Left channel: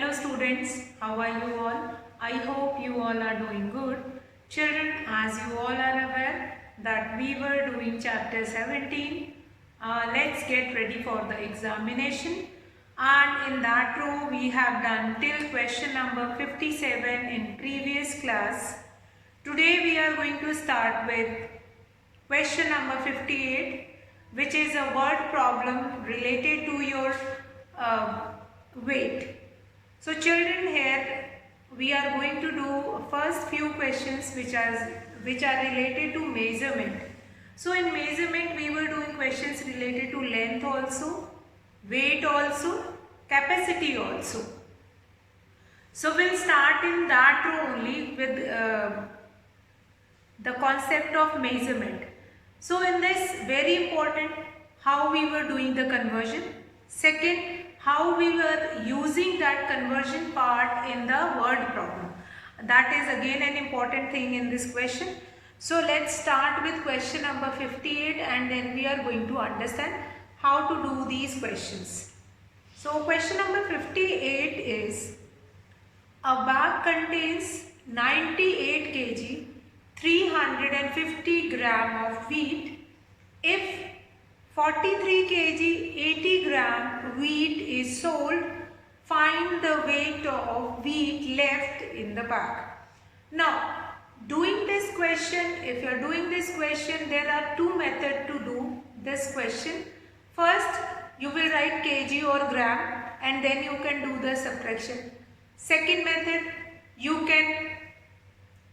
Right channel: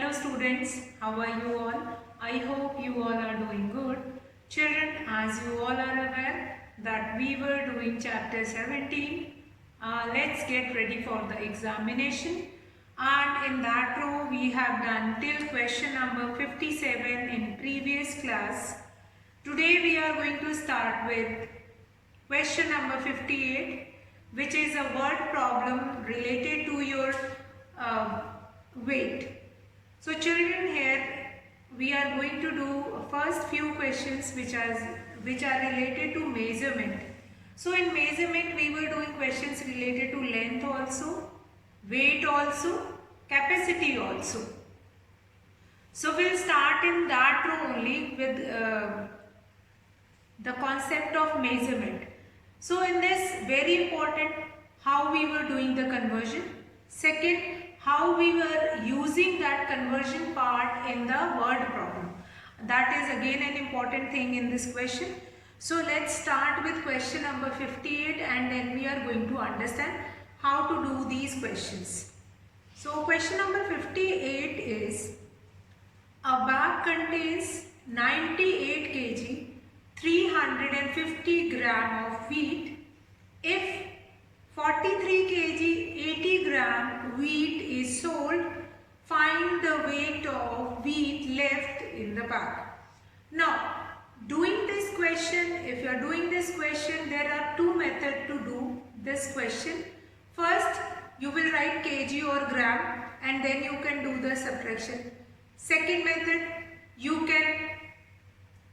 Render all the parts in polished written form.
Hello students, how are you all? I hope you all are doing good. Children, as you all are aware that we were doing chapter 17. Let's get ready for the examination. And in that row we have done till question number 57 in previous class. Today we are going to start with question number 58, which is a word problem related to your uh, weight. So children, here we are going to do first few questions which are related to measurement. So in measurement we were doing questions related to length also, weight also, capacity also. So we'll start in that row only with the concept of measurement. So in this, very important, how we were doing the conversion. Second, how we were using that conversion part in the word problem. That is again an important thing in this question. So let's start with question number 58 and then we are going to understand how to do these questions. So question number 58 is, a bag contains 98 kg 350 gram of wheat. If 43 kg 80 gram wheat is sold, find the weight of wheat left in the bag. Now, doing this question, if you are doing this question, there are two methods to do this question. First, you will write kg or gram and then you can do the subtraction. Second method, you can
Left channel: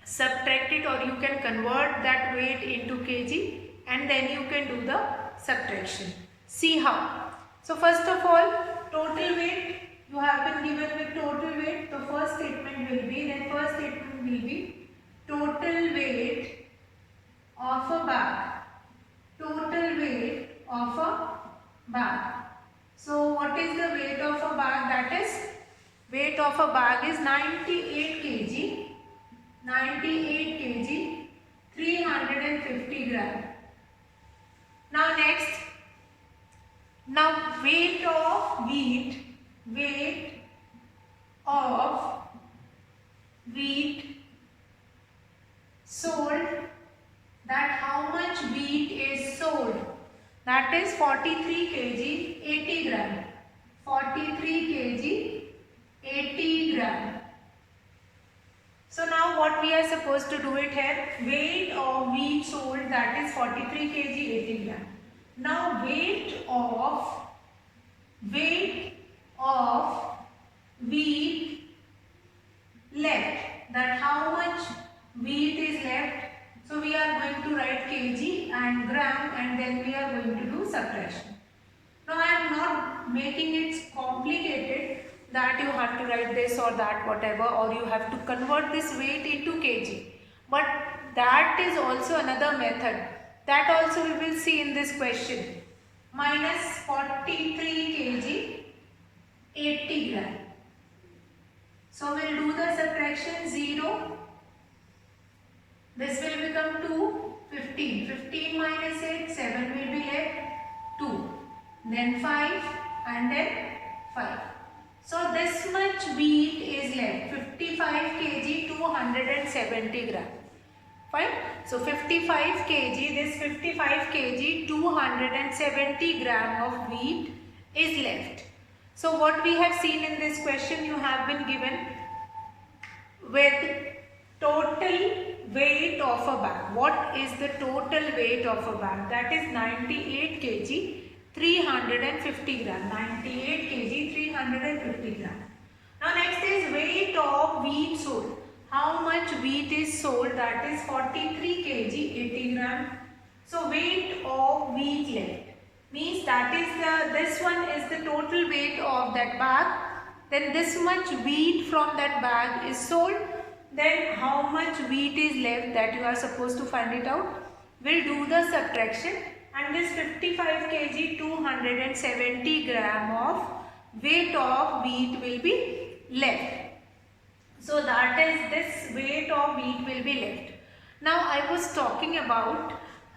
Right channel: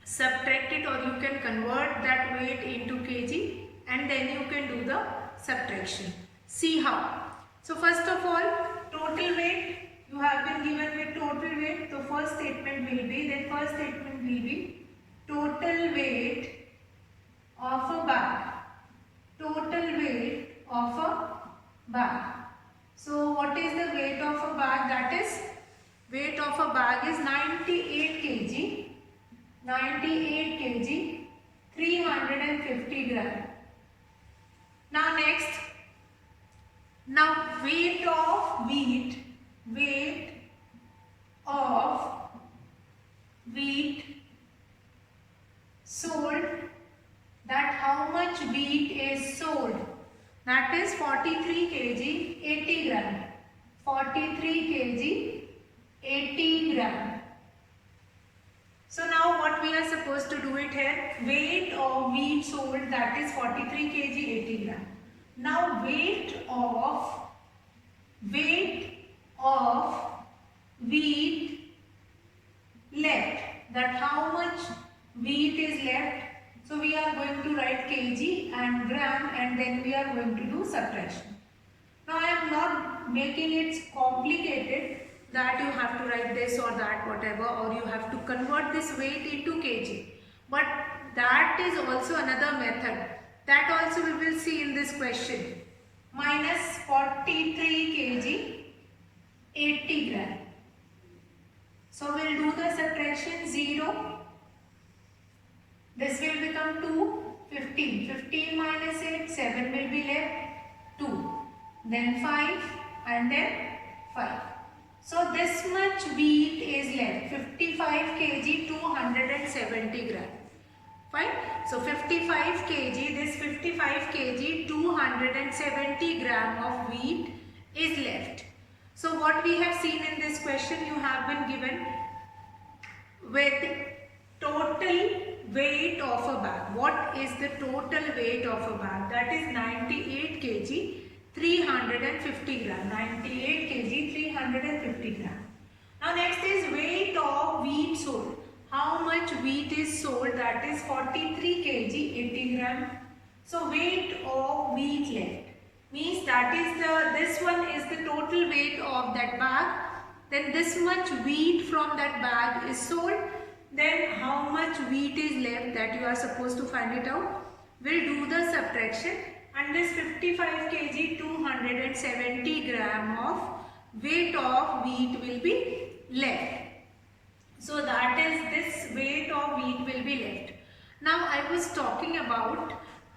subtract it or you can convert that weight into kg and then you can do the subtraction. See how. So first of all, total weight, you have been given with total weight. The first statement will be total weight of a bag. Total weight of a bag. So what is the weight of a bag? That is, weight of a bag is 98 kg. 98 kg 350 gram. Now next, now weight of wheat, weight of wheat sold, that how much wheat is sold, that is 43 kg 80 gram. 43 kg 80 gram. So now what we are supposed to do it here, weight of wheat sold, that is 43 kg 80 gram. Now weight of wheat left, that how much wheat is left. So we are going to write kg and gram and then we are going to do subtraction. Now I am not making it complicated that you have to write this or that whatever, or you have to convert this weight into kg. But that is also another method. That also we will see in this question. Minus 43 kg 80 gram. So we will do the subtraction 0. This will become 2, 15. 15 minus 8, 7 will be left, 2. Then 5 and then 5. So this much wheat is left, 55 kg 270 gram. Fine. So 55 kg, this 55 kg 270 gram of wheat is left. So what we have seen in this question, you have been given with total weight of a bag. What is the total weight of a bag? That is 98 kg 350 gram. 98 kg 350 gram. Now next is weight of wheat sold. How much wheat is sold? That is 43 kg 80 gram. So weight of wheat left means that is this one is the total weight of that bag. Then this much wheat from that bag is sold. Then how much wheat is left, that you are supposed to find it out. We'll do the subtraction. And this 55 kg 270 gram of weight of wheat will be left. So that is, this weight of wheat will be left. Now I was talking about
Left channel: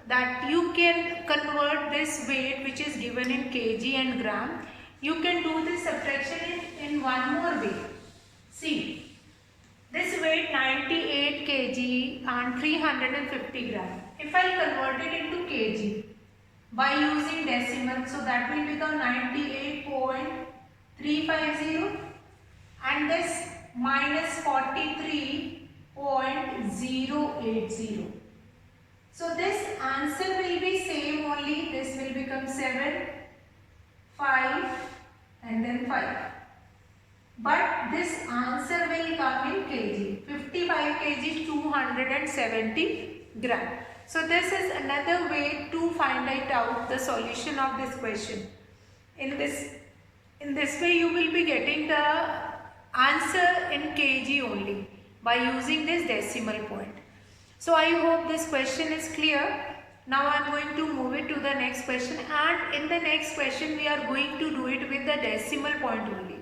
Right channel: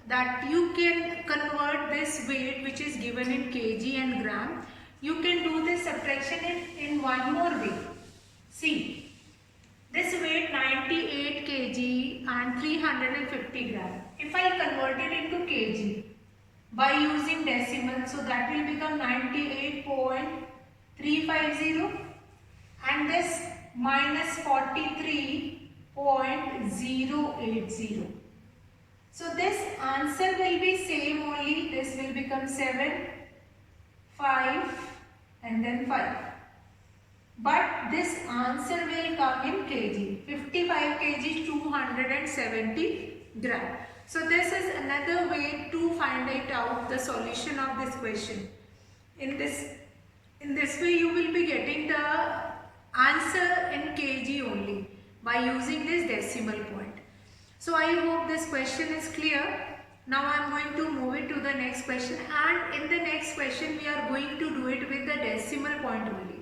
that you can convert this weight which is given in kg and gram. You can do this subtraction in one more way. See, this weight 98 kg and 350 gram. If I convert it into kg by using decimal, so that will become 98.350 and this minus 43.080. So this answer will be same only. This will become 7, 5 and then 5. But this answer will come in kg. 55 kg 270 gram. So this is another way to find out the solution of this question. In this way you will be getting the answer in kg only by using this decimal point. So I hope this question is clear. Now I am going to move it to the next question, and in the next question we are going to do it with the decimal point only.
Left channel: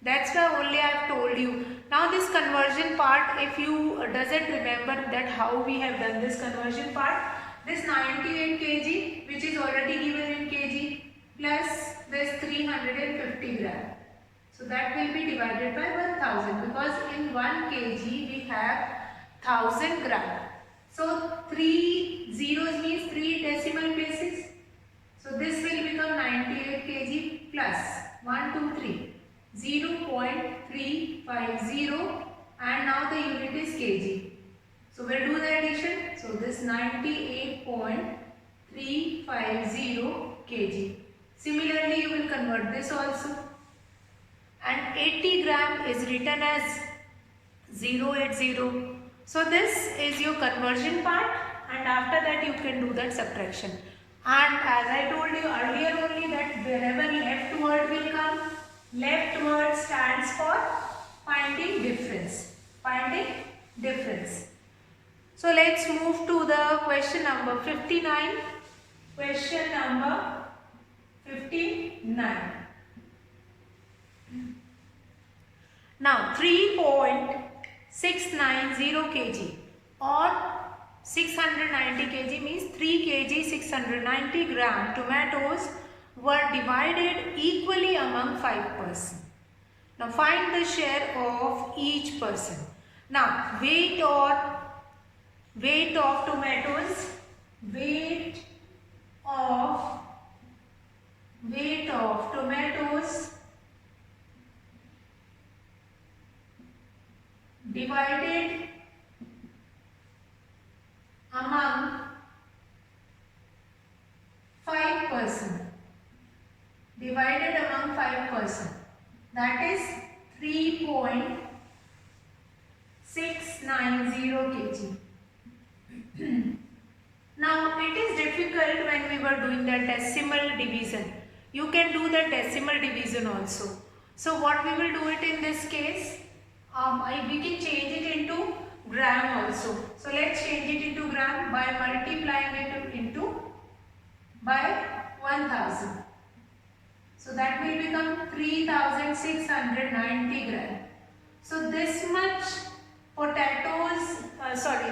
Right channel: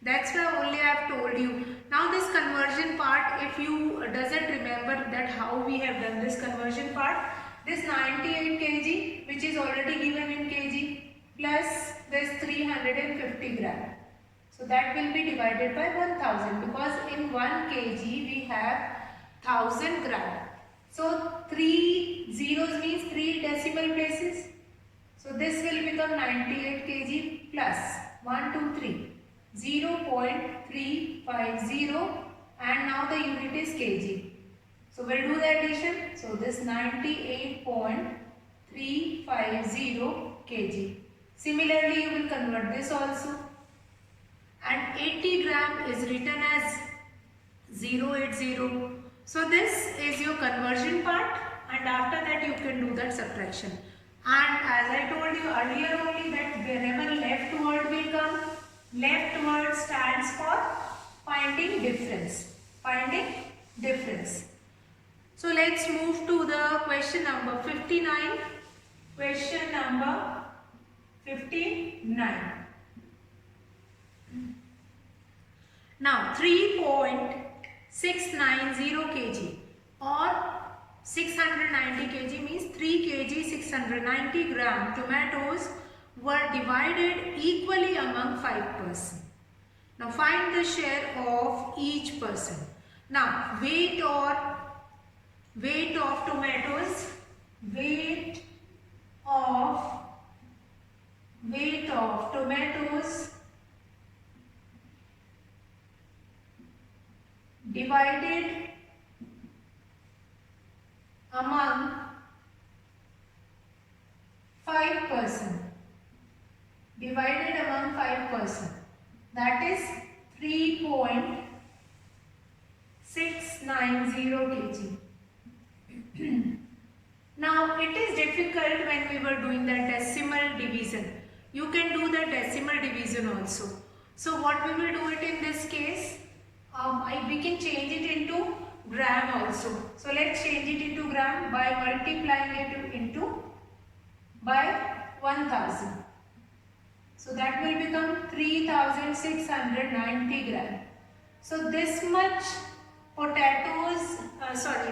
That's why only I have told you. Now this conversion part, if you doesn't remember that how we have done this conversion part, this 98 kg which is already given in kg plus this 350 gram. So that will be divided by 1000 because in 1 kg we have 1000 gram. So 3 zeros means 3 decimal places. So this will become 98 kg plus 1, 2, 3. 0.350 and now the unit is kg. So we'll do the addition. So this 98.350 kg. Similarly you will convert this also. And 80 gram is written as 080. So this is your conversion part, and after that you can do that subtraction. And as I told you earlier only that wherever left word will come, left word stands for finding difference. Finding difference. So let's move to the question number 59. Question number 59. Now 3.690 kg or 690 kg means 3 kg 690 gram tomatoes were divided equally among 5 persons. Now find the share of each person. Now weight of tomatoes, weight of tomatoes divided among 5 persons. Divided among 5 persons. That is 3.690 kg. Now it is difficult when we were doing the decimal division. You can do the decimal division also. So what we will do it in this case? We can change it into gram also. So let's change it into gram by multiplying it into by 1000. So that will become 3690 gram. So this much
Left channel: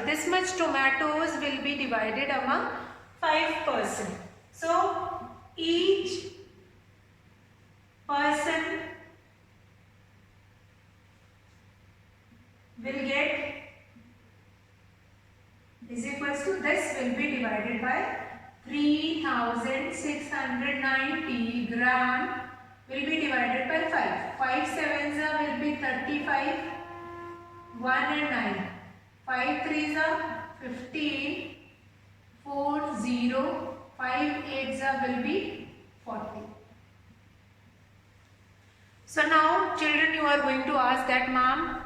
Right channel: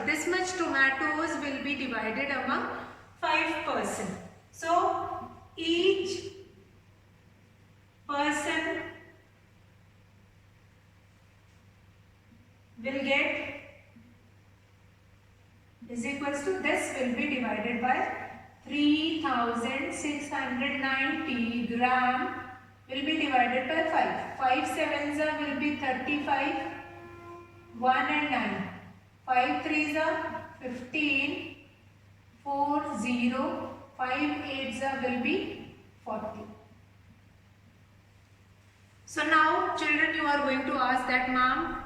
this much tomatoes will be divided among 5 persons. So each person will get is equals to this will be divided by 3690 gram will be divided by 5. 5 sevens will be 35, 1 and 9. 5 threes are 15, 4, 0, 5 eights will be 40. So now children, you are going to ask that, ma'am,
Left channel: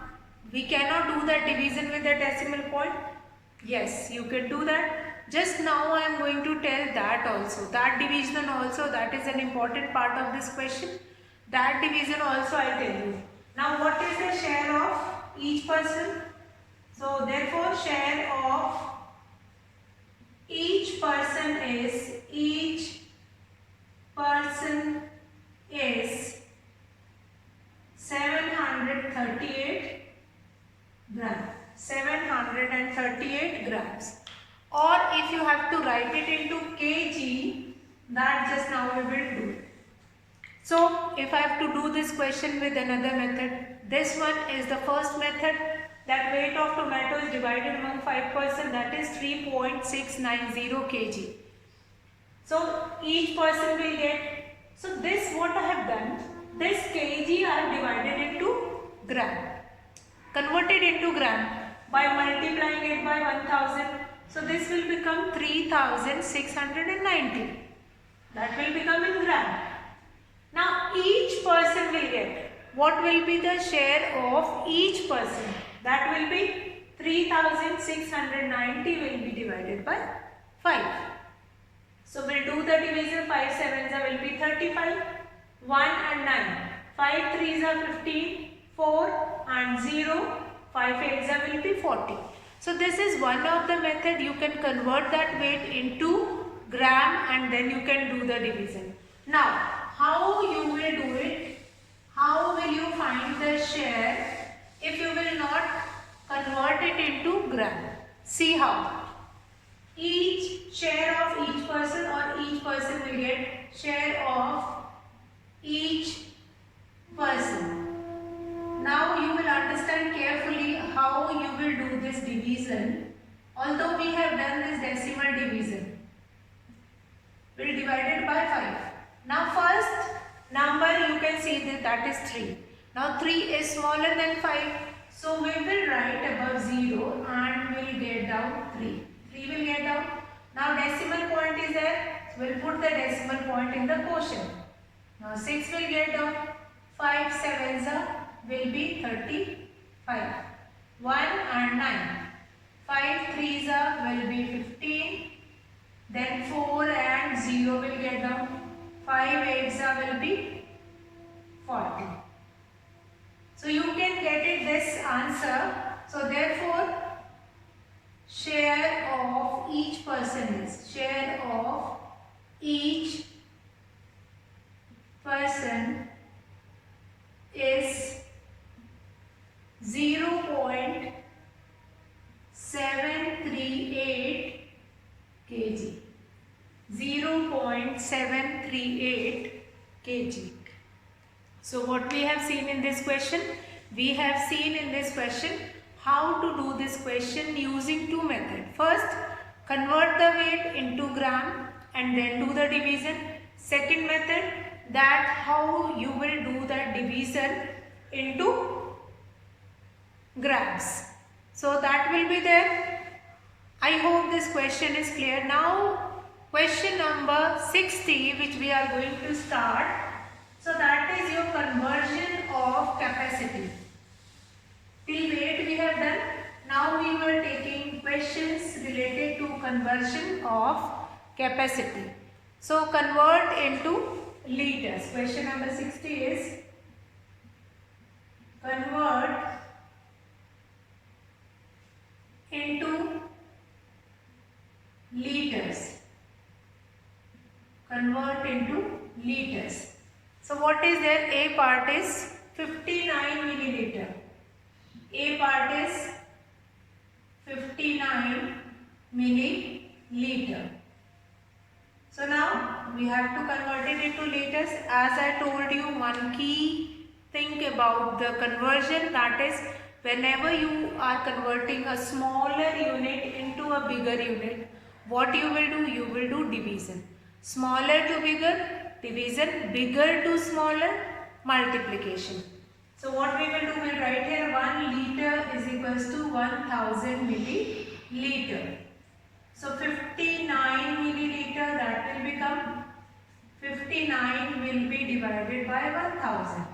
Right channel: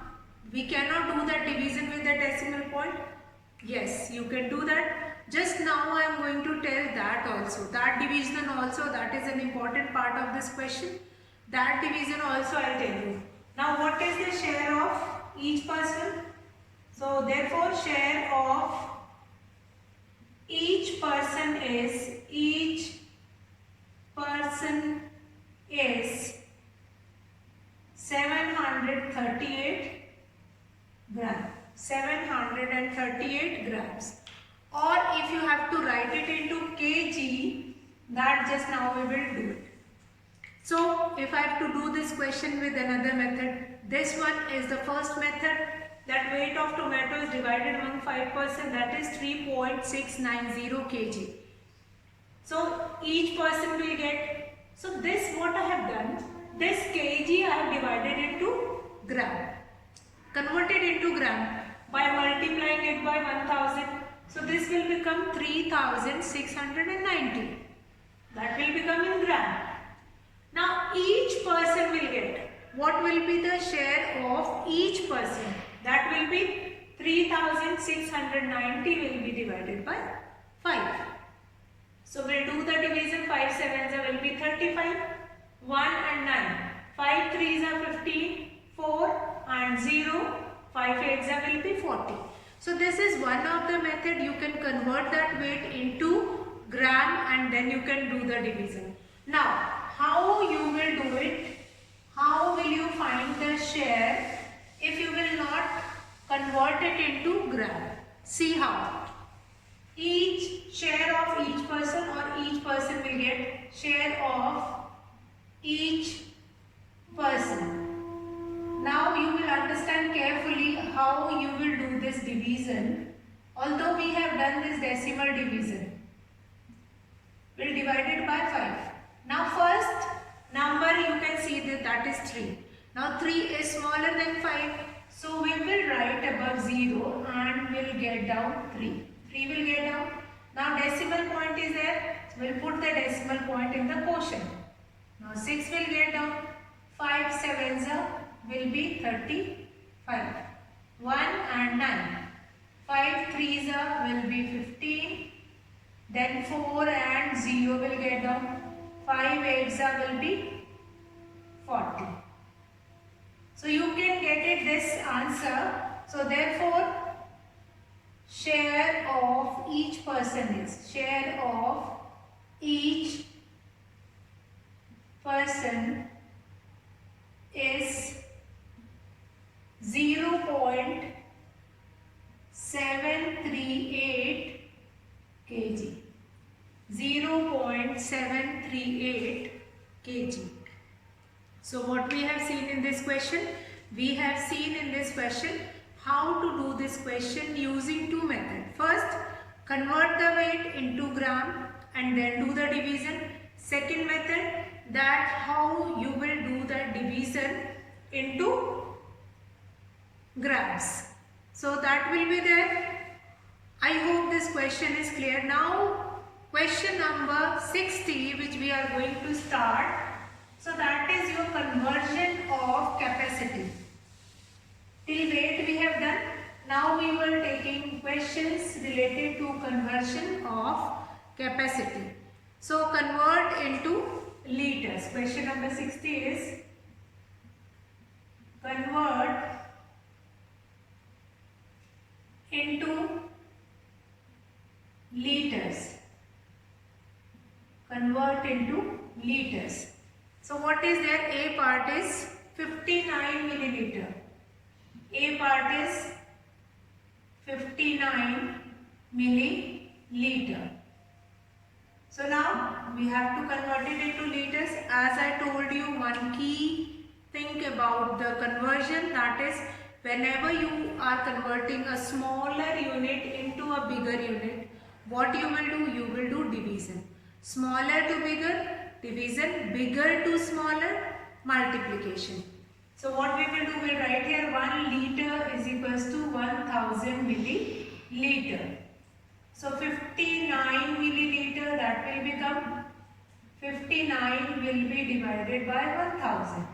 we cannot do that division with the decimal point. Yes, you can do that. Just now I am going to tell that also. That division also, that is an important part of this question. That division also I will tell you. Now what is the share of each person? So therefore share of each person is 738 grams. 738 grams. Or if you have to write it into kg, that just now we will do it. So if I have to do this question with another method, this one is the first method, that weight of tomatoes divided among 5%, that is 3.690 kg. So each person will get, so this what I have done, this kg I have divided into gram, converted into gram by multiplying it by 1000. So this will become 3690. That will become in gram. Now each person will get, what will be the share of each person? That will be 3690 will be divided by 5. So we'll do the division. 5 sevens will be 35, 1 and 9, 5 threes are 15, 4 and 0, 5 eights will be 40. So this is one of the method. You can convert that weight into gram and then you can do the division. Now how you will do it? How will you find the share if you will not convert it into gram? See how. Each share of each person, or each person will get share of each person. Now you will understand carefully how you will do this division. Although we have done this decimal division, we'll divide it by 5. Now first number you can see that is 3. Now 3 is smaller than 5. So we will write above 0 and we'll get down 3. 3 will get down. Now decimal point is there. So we'll put the decimal point in the quotient. Now 6 will get down. 5 sevens will be 35. 1 and 9. 5 threes will be 15. Then 4 and 0 will get down. 5 eights will be 40. So you can get it this answer. So therefore share of each person is, share of each person is 0.738 kg. 0.738 kg. So what we have seen in this question? We have seen in this question how to do this question using two methods. First, convert the weight into gram and then do the division. Second method, that how you will do the division into grams. So that will be there. I hope this question is clear. Now question number 60, which we are going to start. So that is your conversion of capacity. Till weight we have done. Now we were taking questions related to conversion of capacity. So convert into liters. Question number 60 is convert into liters. Convert into liters. So what is there? A part is 59 milliliter. A part is 59 milliliter. So now we have to convert it into liters. As I told you, one key thing about the conversion, that is whenever you are converting a smaller unit into a bigger unit, what you will do? You will do division. Smaller to bigger, division. Bigger to smaller, multiplication. So what we will do, we will write here 1 liter is equals to 1000 milliliter. So 59 milliliter, that will become 59 will be divided by 1000.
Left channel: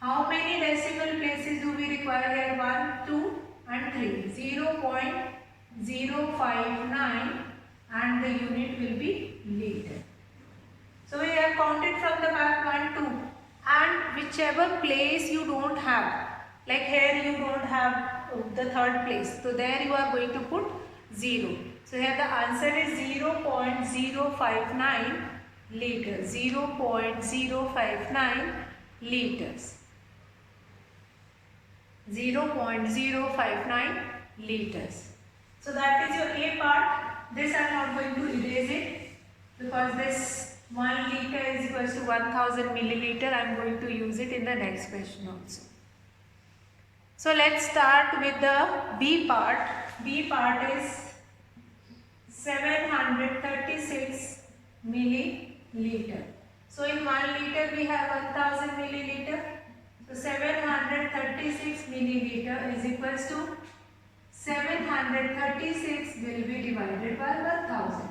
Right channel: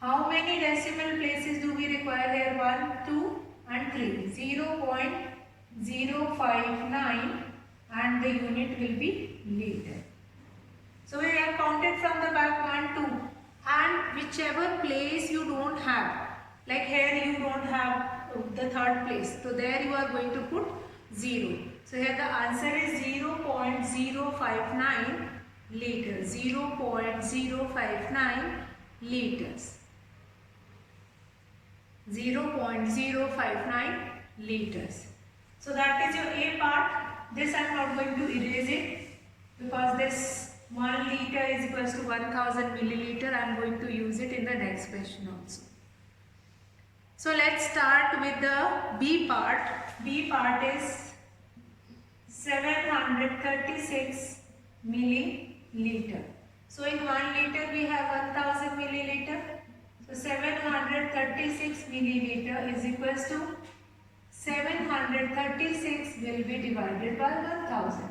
How many decimal places do we require here? 1, 2 and 3. 0.059 and the unit will be liter. So we have counted from the back 1, 2. And whichever place you don't have, like here you don't have the third place, so there you are going to put 0. So here the answer is 0.059 liters. 0.059 liters. 0.059 liters. So that is your A part. This I am not going to erase it because this 1 liter is equals to 1000 milliliter. I am going to use it in the next question also. So let's start with the B part. B part is 736 milliliter. So in 1 liter we have 1000 milliliter. So 736 milliliter is equals to 736 will be divided by 1000.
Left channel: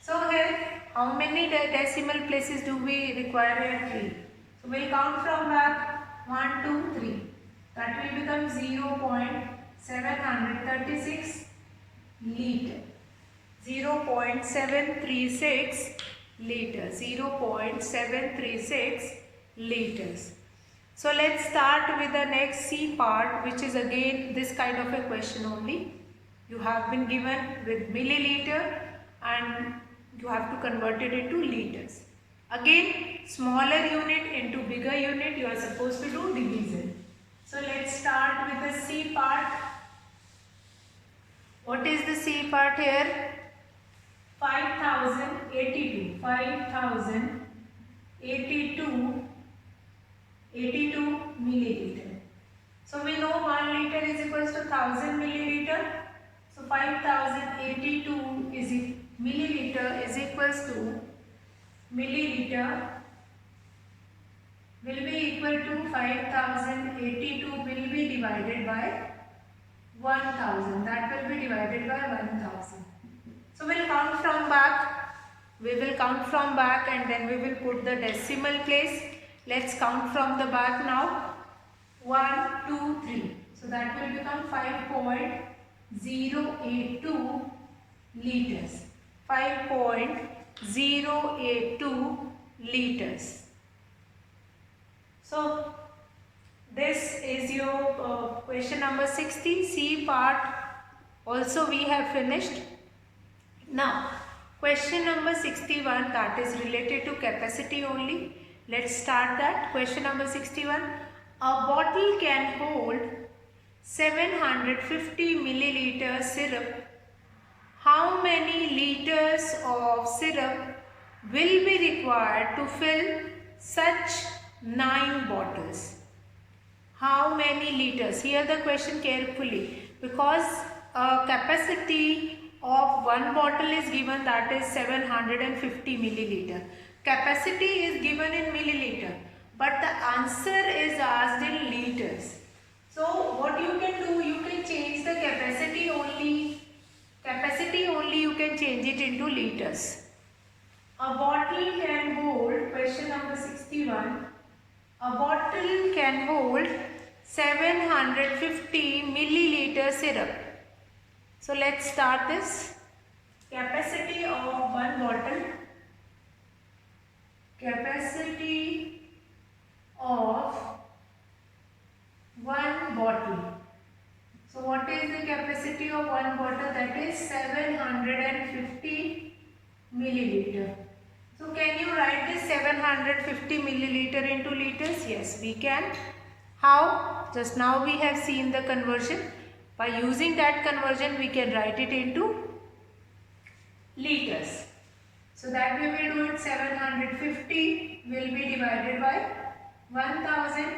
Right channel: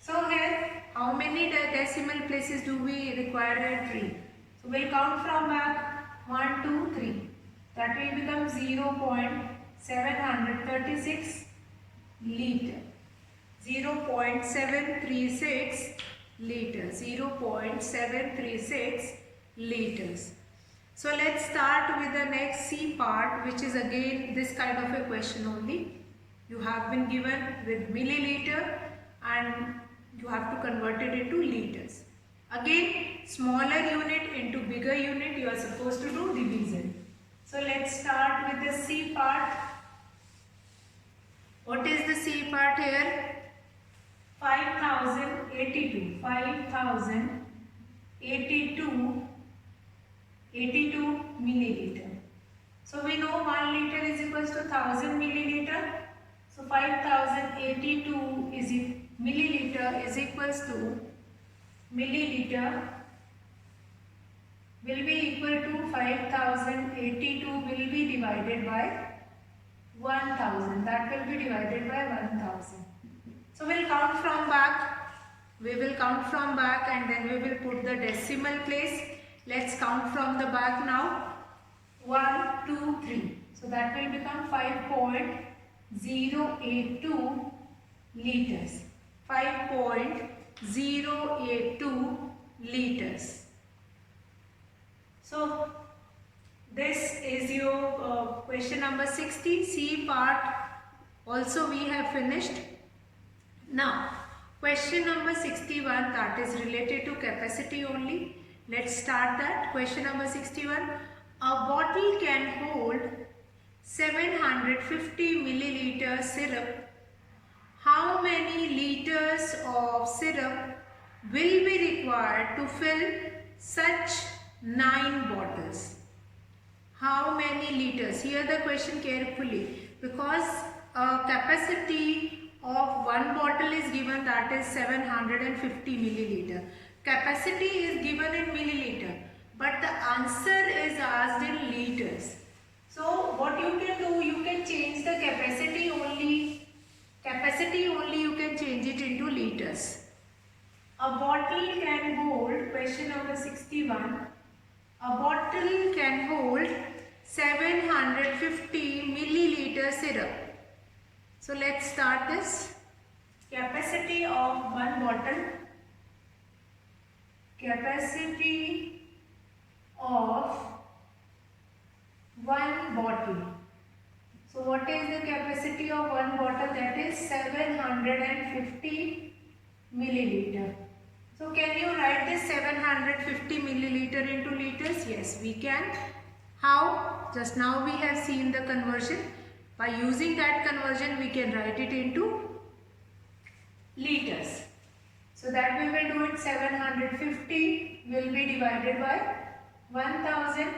So here how many decimal places do we require here? 3. So we'll count from back 1, 2, 3. That will become 0.736 liter. 0.736 liters. 0.736 liters. So let's start with the next C part, which is again this kind of a question only. You have been given with milliliter and you have to convert it into liters. Again, smaller unit into bigger unit, you are supposed to do division. So let's start with the C part. What is the C part here? 5082. 5082 milliliter. So we know 1 liter is equals to 1000 milliliter. So 5082 is milliliter is equals to milliliter will be equal to 5082 will be divided by 1000. That will be divided by 1000. So we'll count from back. We will count from back and then we will put the decimal place. Let's count from the back now. 1, 2, 3. So that will become 5.082 liters. 5.082 liters. So this is your question number 60. C part also we have finished. Now question number 61, that is related to capacity only. Let's start that. Question number 61. A bottle can hold 750 milliliter syrup. How many liters of syrup will be required to fill such 9 bottles? How many liters? Hear the question carefully, because capacity of one bottle is given, that is 750 milliliter. Capacity is given in milliliter, but the answer is asked in liters. So what you can do, you can change the capacity only. Capacity only you can change it into liters. A bottle can hold, question number 61. A bottle can hold 750 milliliter syrup. So let's start this. Capacity of one bottle. Capacity of one bottle. So what is the capacity of one bottle? That is 750 milliliter. So can you write this 750 milliliter into liters? Yes, we can. How? Just now we have seen the conversion. By using that conversion, we can write it into liters. So that we will do it. 750 will be divided by 1000.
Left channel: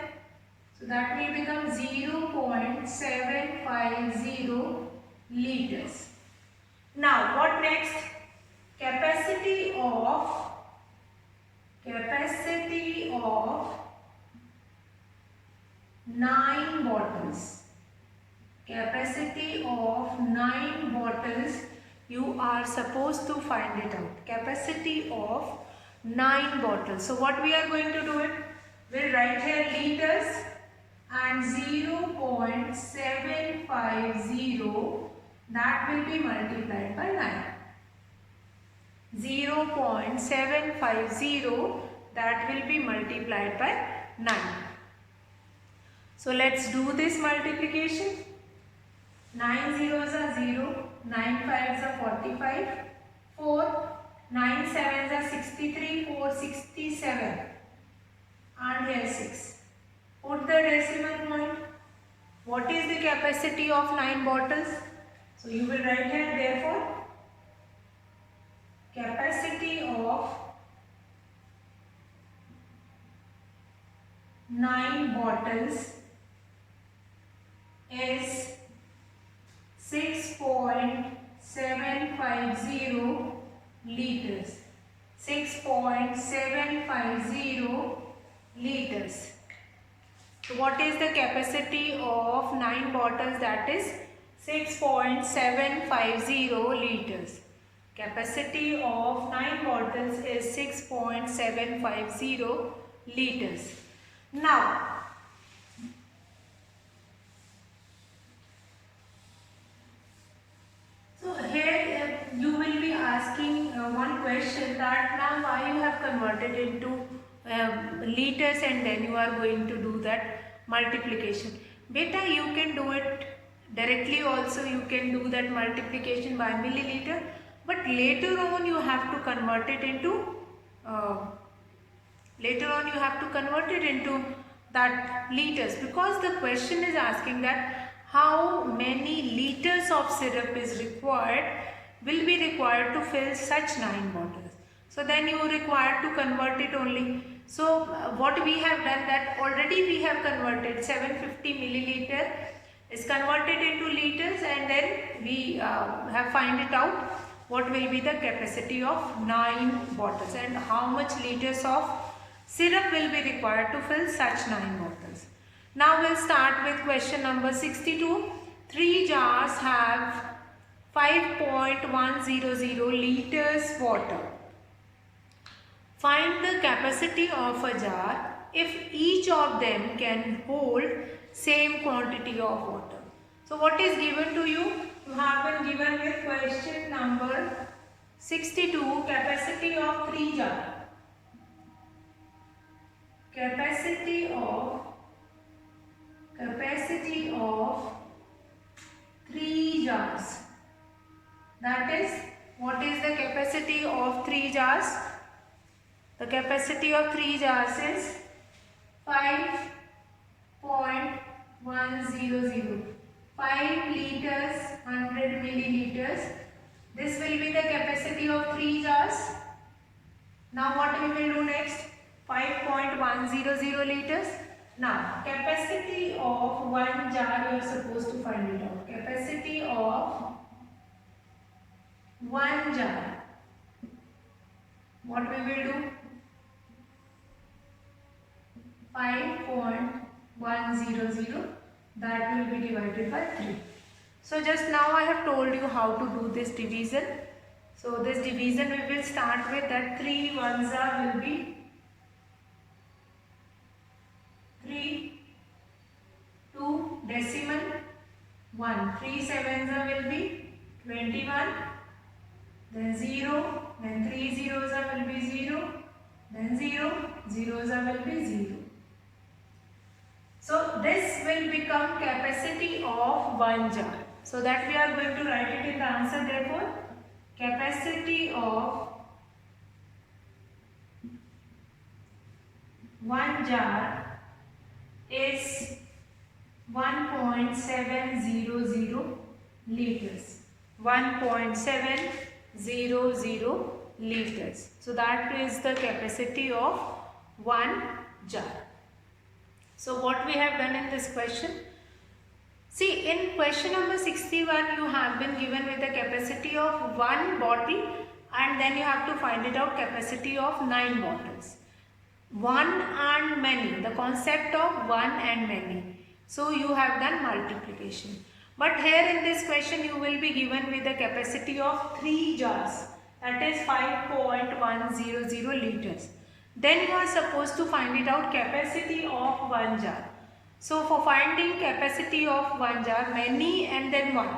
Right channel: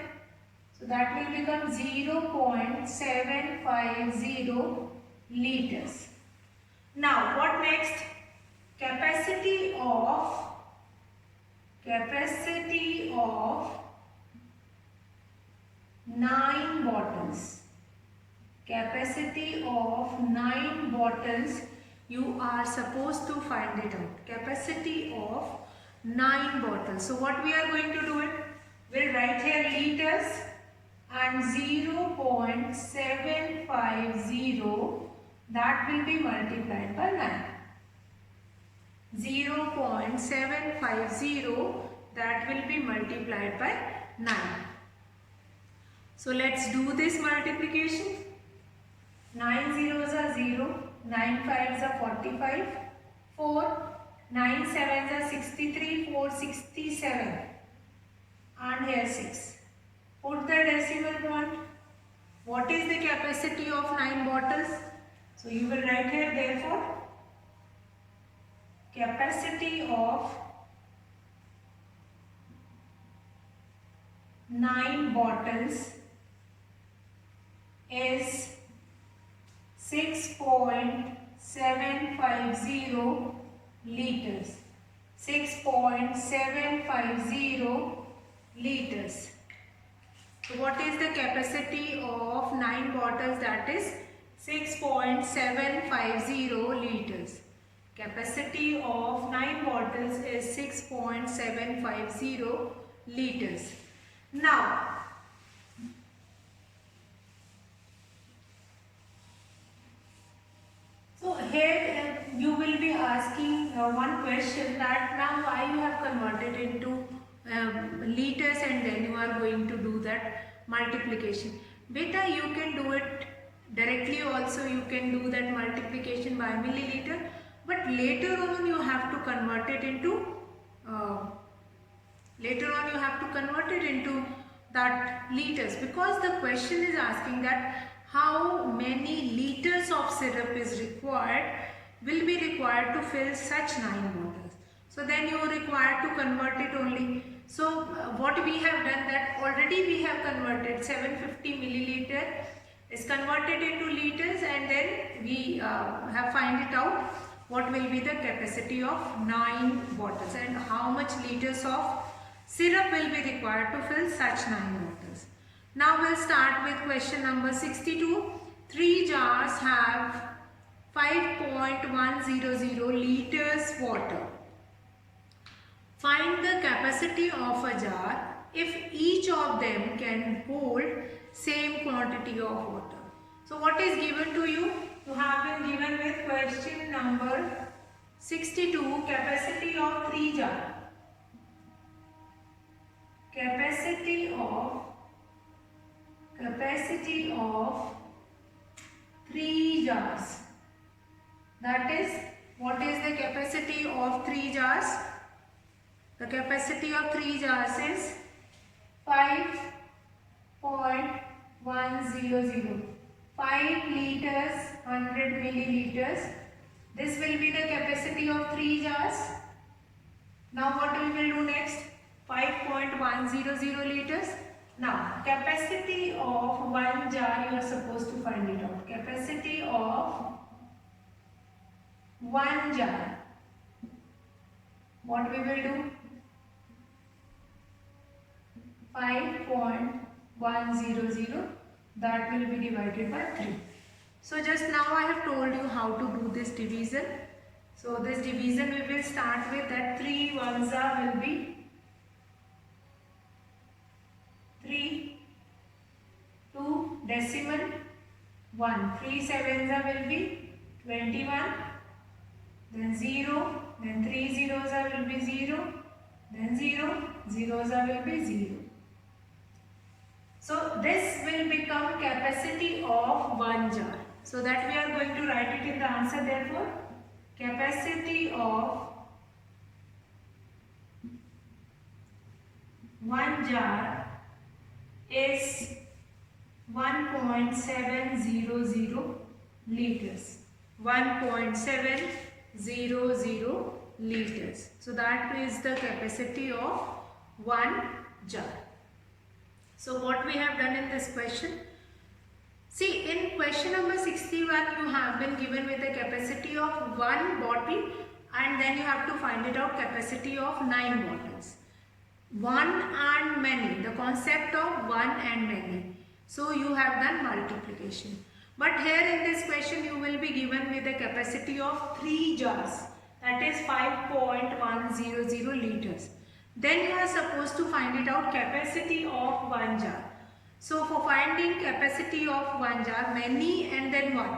So that will become 0.750 liters. Now what next? Capacity of 9 bottles. Capacity of 9 bottles, you are supposed to find it out. Capacity of 9 bottles. So what we are going to do it? We'll write here liters and 0.750, that will be multiplied by 9. 0.750, that will be multiplied by 9. So let's do this multiplication. 9 zeros are 0, 9 fives are 45, 4, 9 sevens are 63, 4 67, and here 6. Put the decimal point. What is the capacity of 9 bottles? So you will write here, therefore capacity of 9 bottles is 6.750 liters. 6.750 liters. So what is the capacity of 9 bottles? That is 6.750 liters. Capacity of 9 bottles is 6.750 liters. Now, so here you will be asking one question, that now why you have converted into liters and then you are going to do that multiplication. Beta, you can do it directly also, you can do that multiplication by milliliter, but later on you have to convert it into that liters, because the question is asking that how many liters of syrup is required, will be required to fill such 9 bottles. So then you require to convert it only. So what we have done, that already we have converted 750 milliliter is converted into liters, and then we have find it out what will be the capacity of 9 bottles and how much liters of syrup will be required to fill such 9 bottles. Now we'll start with question number 62. 3 jars have 5.100 liters water. Find the capacity of a jar if each of them can hold same quantity of water. So what is given to you? You have been given with question number 62, capacity of 3 jars. Capacity of 3 jars. That is, what is the capacity of 3 jars? The capacity of 3 jars is 5.100. 5 liters, 100 milliliters. This will be the capacity of 3 jars. Now what we will do next? 5.100 liters. Now capacity of 1 jar, you are supposed to find it out. Capacity of 1 jar. What we will do? 5.100, that will be divided by 3. So just now I have told you how to do this division. So this division we will start with, that 3 ones will be 3, 2 decimal 1, 3 sevens will be 21, then 0, then 3 zeros will be 0, then 0, zeros will be 0. So this will become capacity of 1 jar. So that we are going to write it in the answer. Therefore, capacity of 1 jar is 1.700 liters. 1.700 liters. So that is the capacity of 1 jar. So what we have done in this question? See, in question number 61, you have been given with the capacity of 1 bottle, and then you have to find it out capacity of 9 bottles. 1 and many, the concept of 1 and many. So you have done multiplication. But here in this question you will be given with the capacity of 3 jars, that is 5.100 liters. Then you are supposed to find it out capacity of 1 jar. So for finding capacity of 1 jar, many and then 1.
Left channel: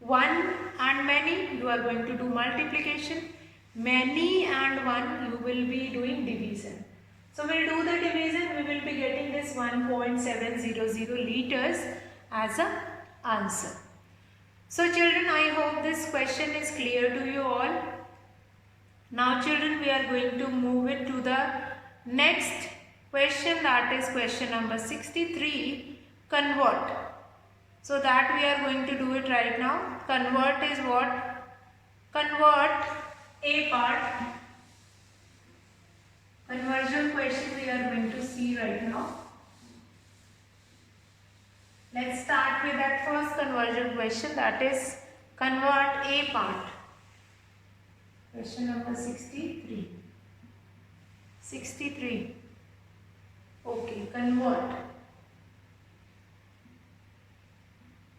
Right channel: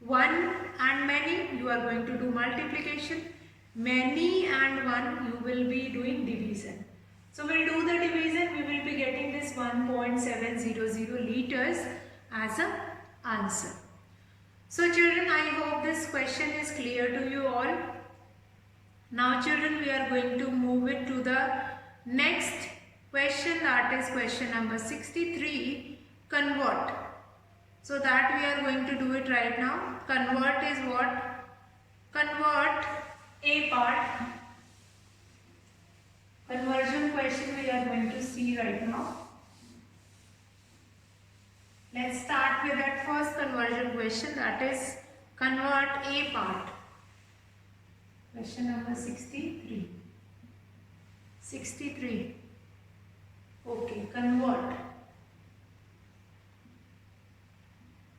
1 and many, you are going to do multiplication. Many and 1, you will be doing division. So we will do the division, we will be getting this 1.700 liters as an answer. So children, I hope this question is clear to you all. Now children, we are going to move it to the next question, that is question number 63, convert. So that we are going to do it right now. Convert is what? Convert a part Conversion question we are going to see right now. Let's start with that first conversion question, that is convert a part. Question number 63. 63. Okay, convert.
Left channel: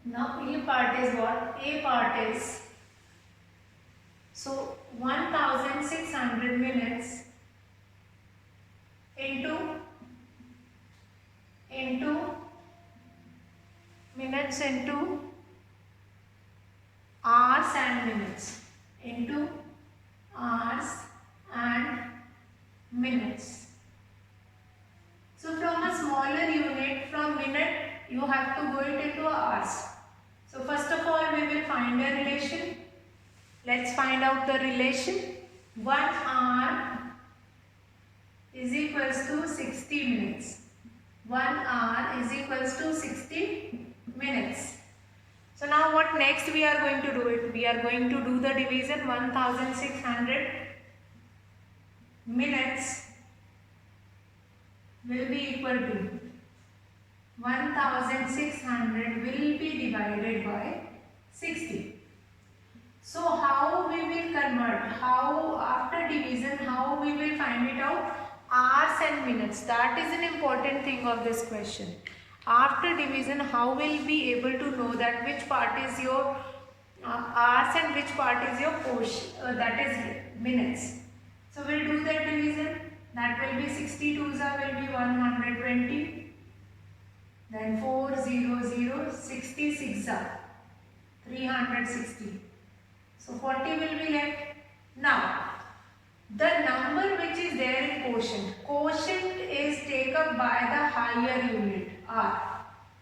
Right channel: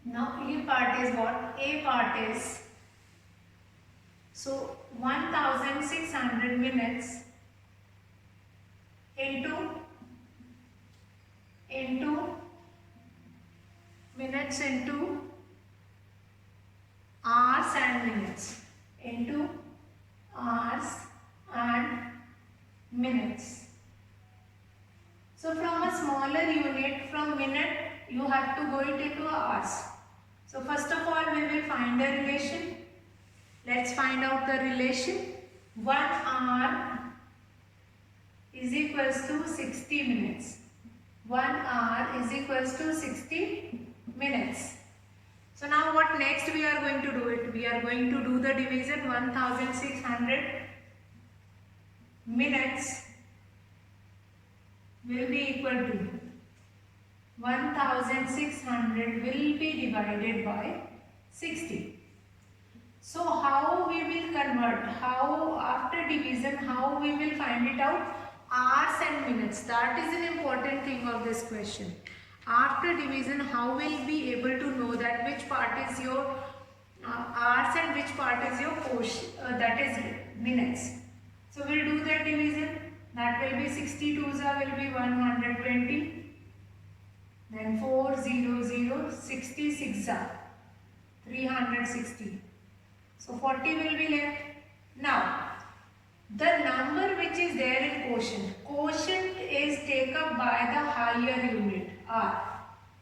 Now A part is what? A part is, so 1600 minutes into minutes into hours and minutes into hours and minutes. So from a smaller unit, from minute you have to go it into hours. So first of all we will find a relation. Let's find out the relation. 1 hour is equals to 60 minutes. 1 hour is equals to 60 minutes. So now what next we are going to do it? We are going to do the division. 1600 minutes will be equal to 1600 will be divided by 60. So how we will convert? How after division, how we will find it out? Hours and minutes. That is an important thing of this question. After division, how will be able to know that which part is your hours and which part is your portion, that is minutes. So we'll do that division. That will be 62s will be 120. Then 400, 66 360. So 40 will be left. Now the number which is there in quotient. Quotient is taken up by the higher unit R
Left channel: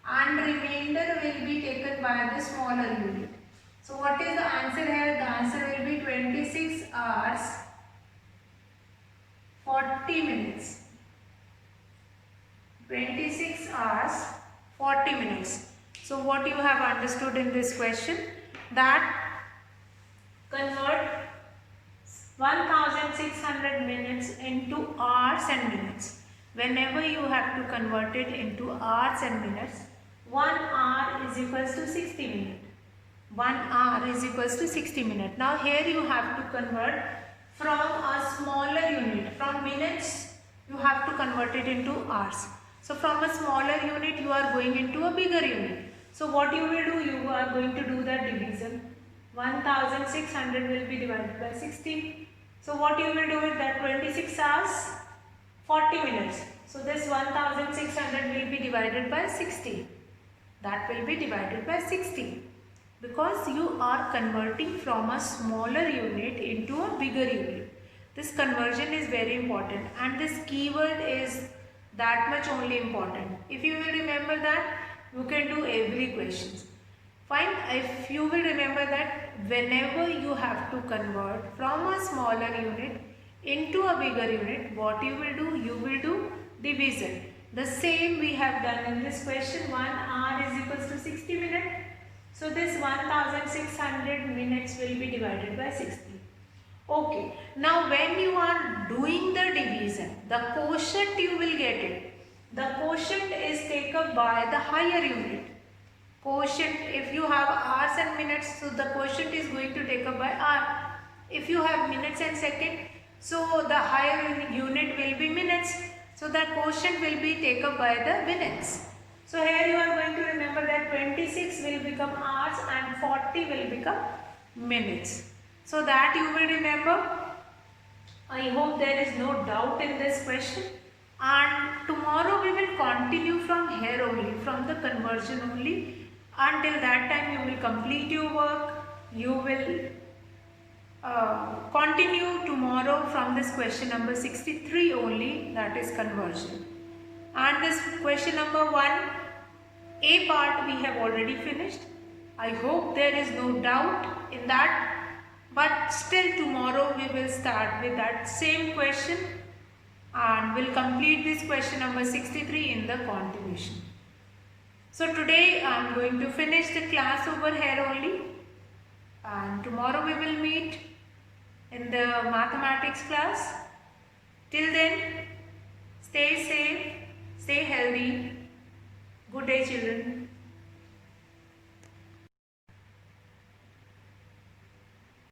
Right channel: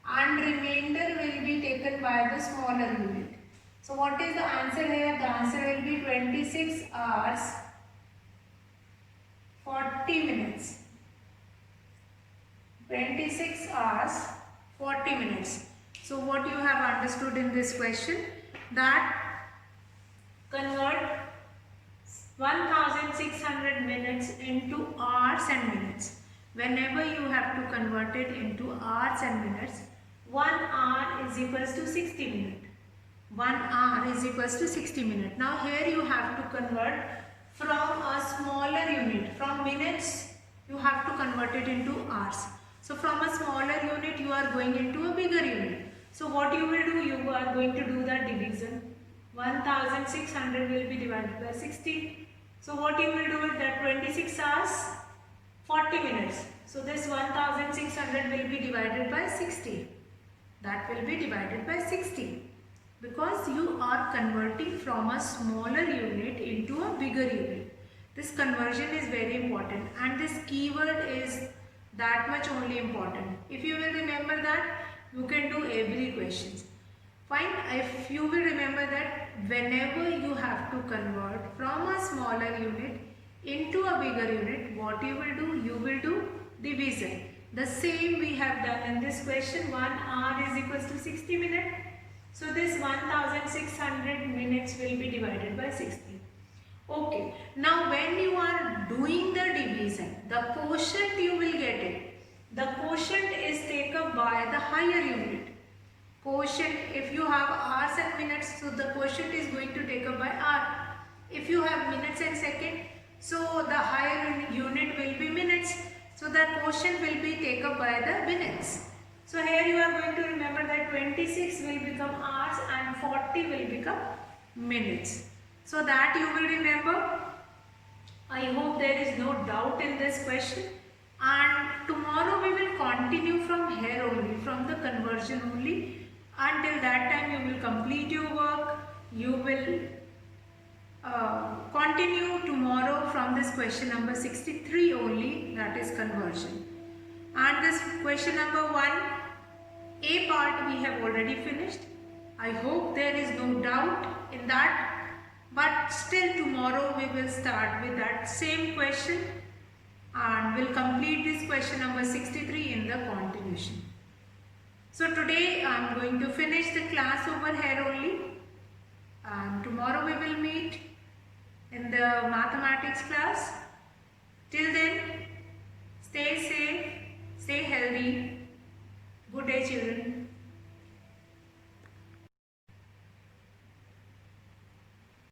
and remainder will be taken by the smaller unit. So what is the answer here? The answer will be 26 hours 40 minutes. 26 hours 40 minutes. So what you have understood in this question? That convert 1600 minutes into hours and minutes. Whenever you have to convert it into hours and minutes, 1 hour is equals to 60 minutes. 1 hour is equals to 60 minutes. Now here you have to convert from a smaller unit. From minutes you have to convert it into hours. So from a smaller unit you are going into a bigger unit. So what you will do? You are going to do that division. 1600 will be divided by 60. So what you will do is that 26 hours 40 minutes. So this 1600 will be divided by 60. That will be divided by 60. Because you are converting from a smaller unit into a bigger unit. This conversion is very important and this keyword is that much only important. If you will remember that, you can do every question. Fine, if you will remember that whenever you have to convert from a smaller unit into a bigger unit, what you will do? You will do division. The same we have done in this question. 1 hour is equals to 60 minutes. So this 1600 minutes will be divided by 60. Okay. Now when you are doing the division, the quotient you will get it. The quotient is taken by the higher unit. Quotient, if you have hours and minutes, so the quotient is going to take up by hour. If you have minutes and second, so the higher unit will be minutes. So the quotient will be taken up by the minutes. So here you are going to remember that 26 will become hours and 40 will become minutes. So that you will remember. I hope there is no doubt in this question. And tomorrow we will continue from here only, from the conversion only. Until that time you will complete your work. You will continue tomorrow from this question number 63 only, that is conversion. And this question number 1, A part we have already finished. I hope there is no doubt in that. But still tomorrow we will start with that same question and will complete this question number 63 in the continuation. So today I am going to finish the class over here only, and tomorrow we will meet in the mathematics class. Till then, stay safe, stay healthy. Good day, children.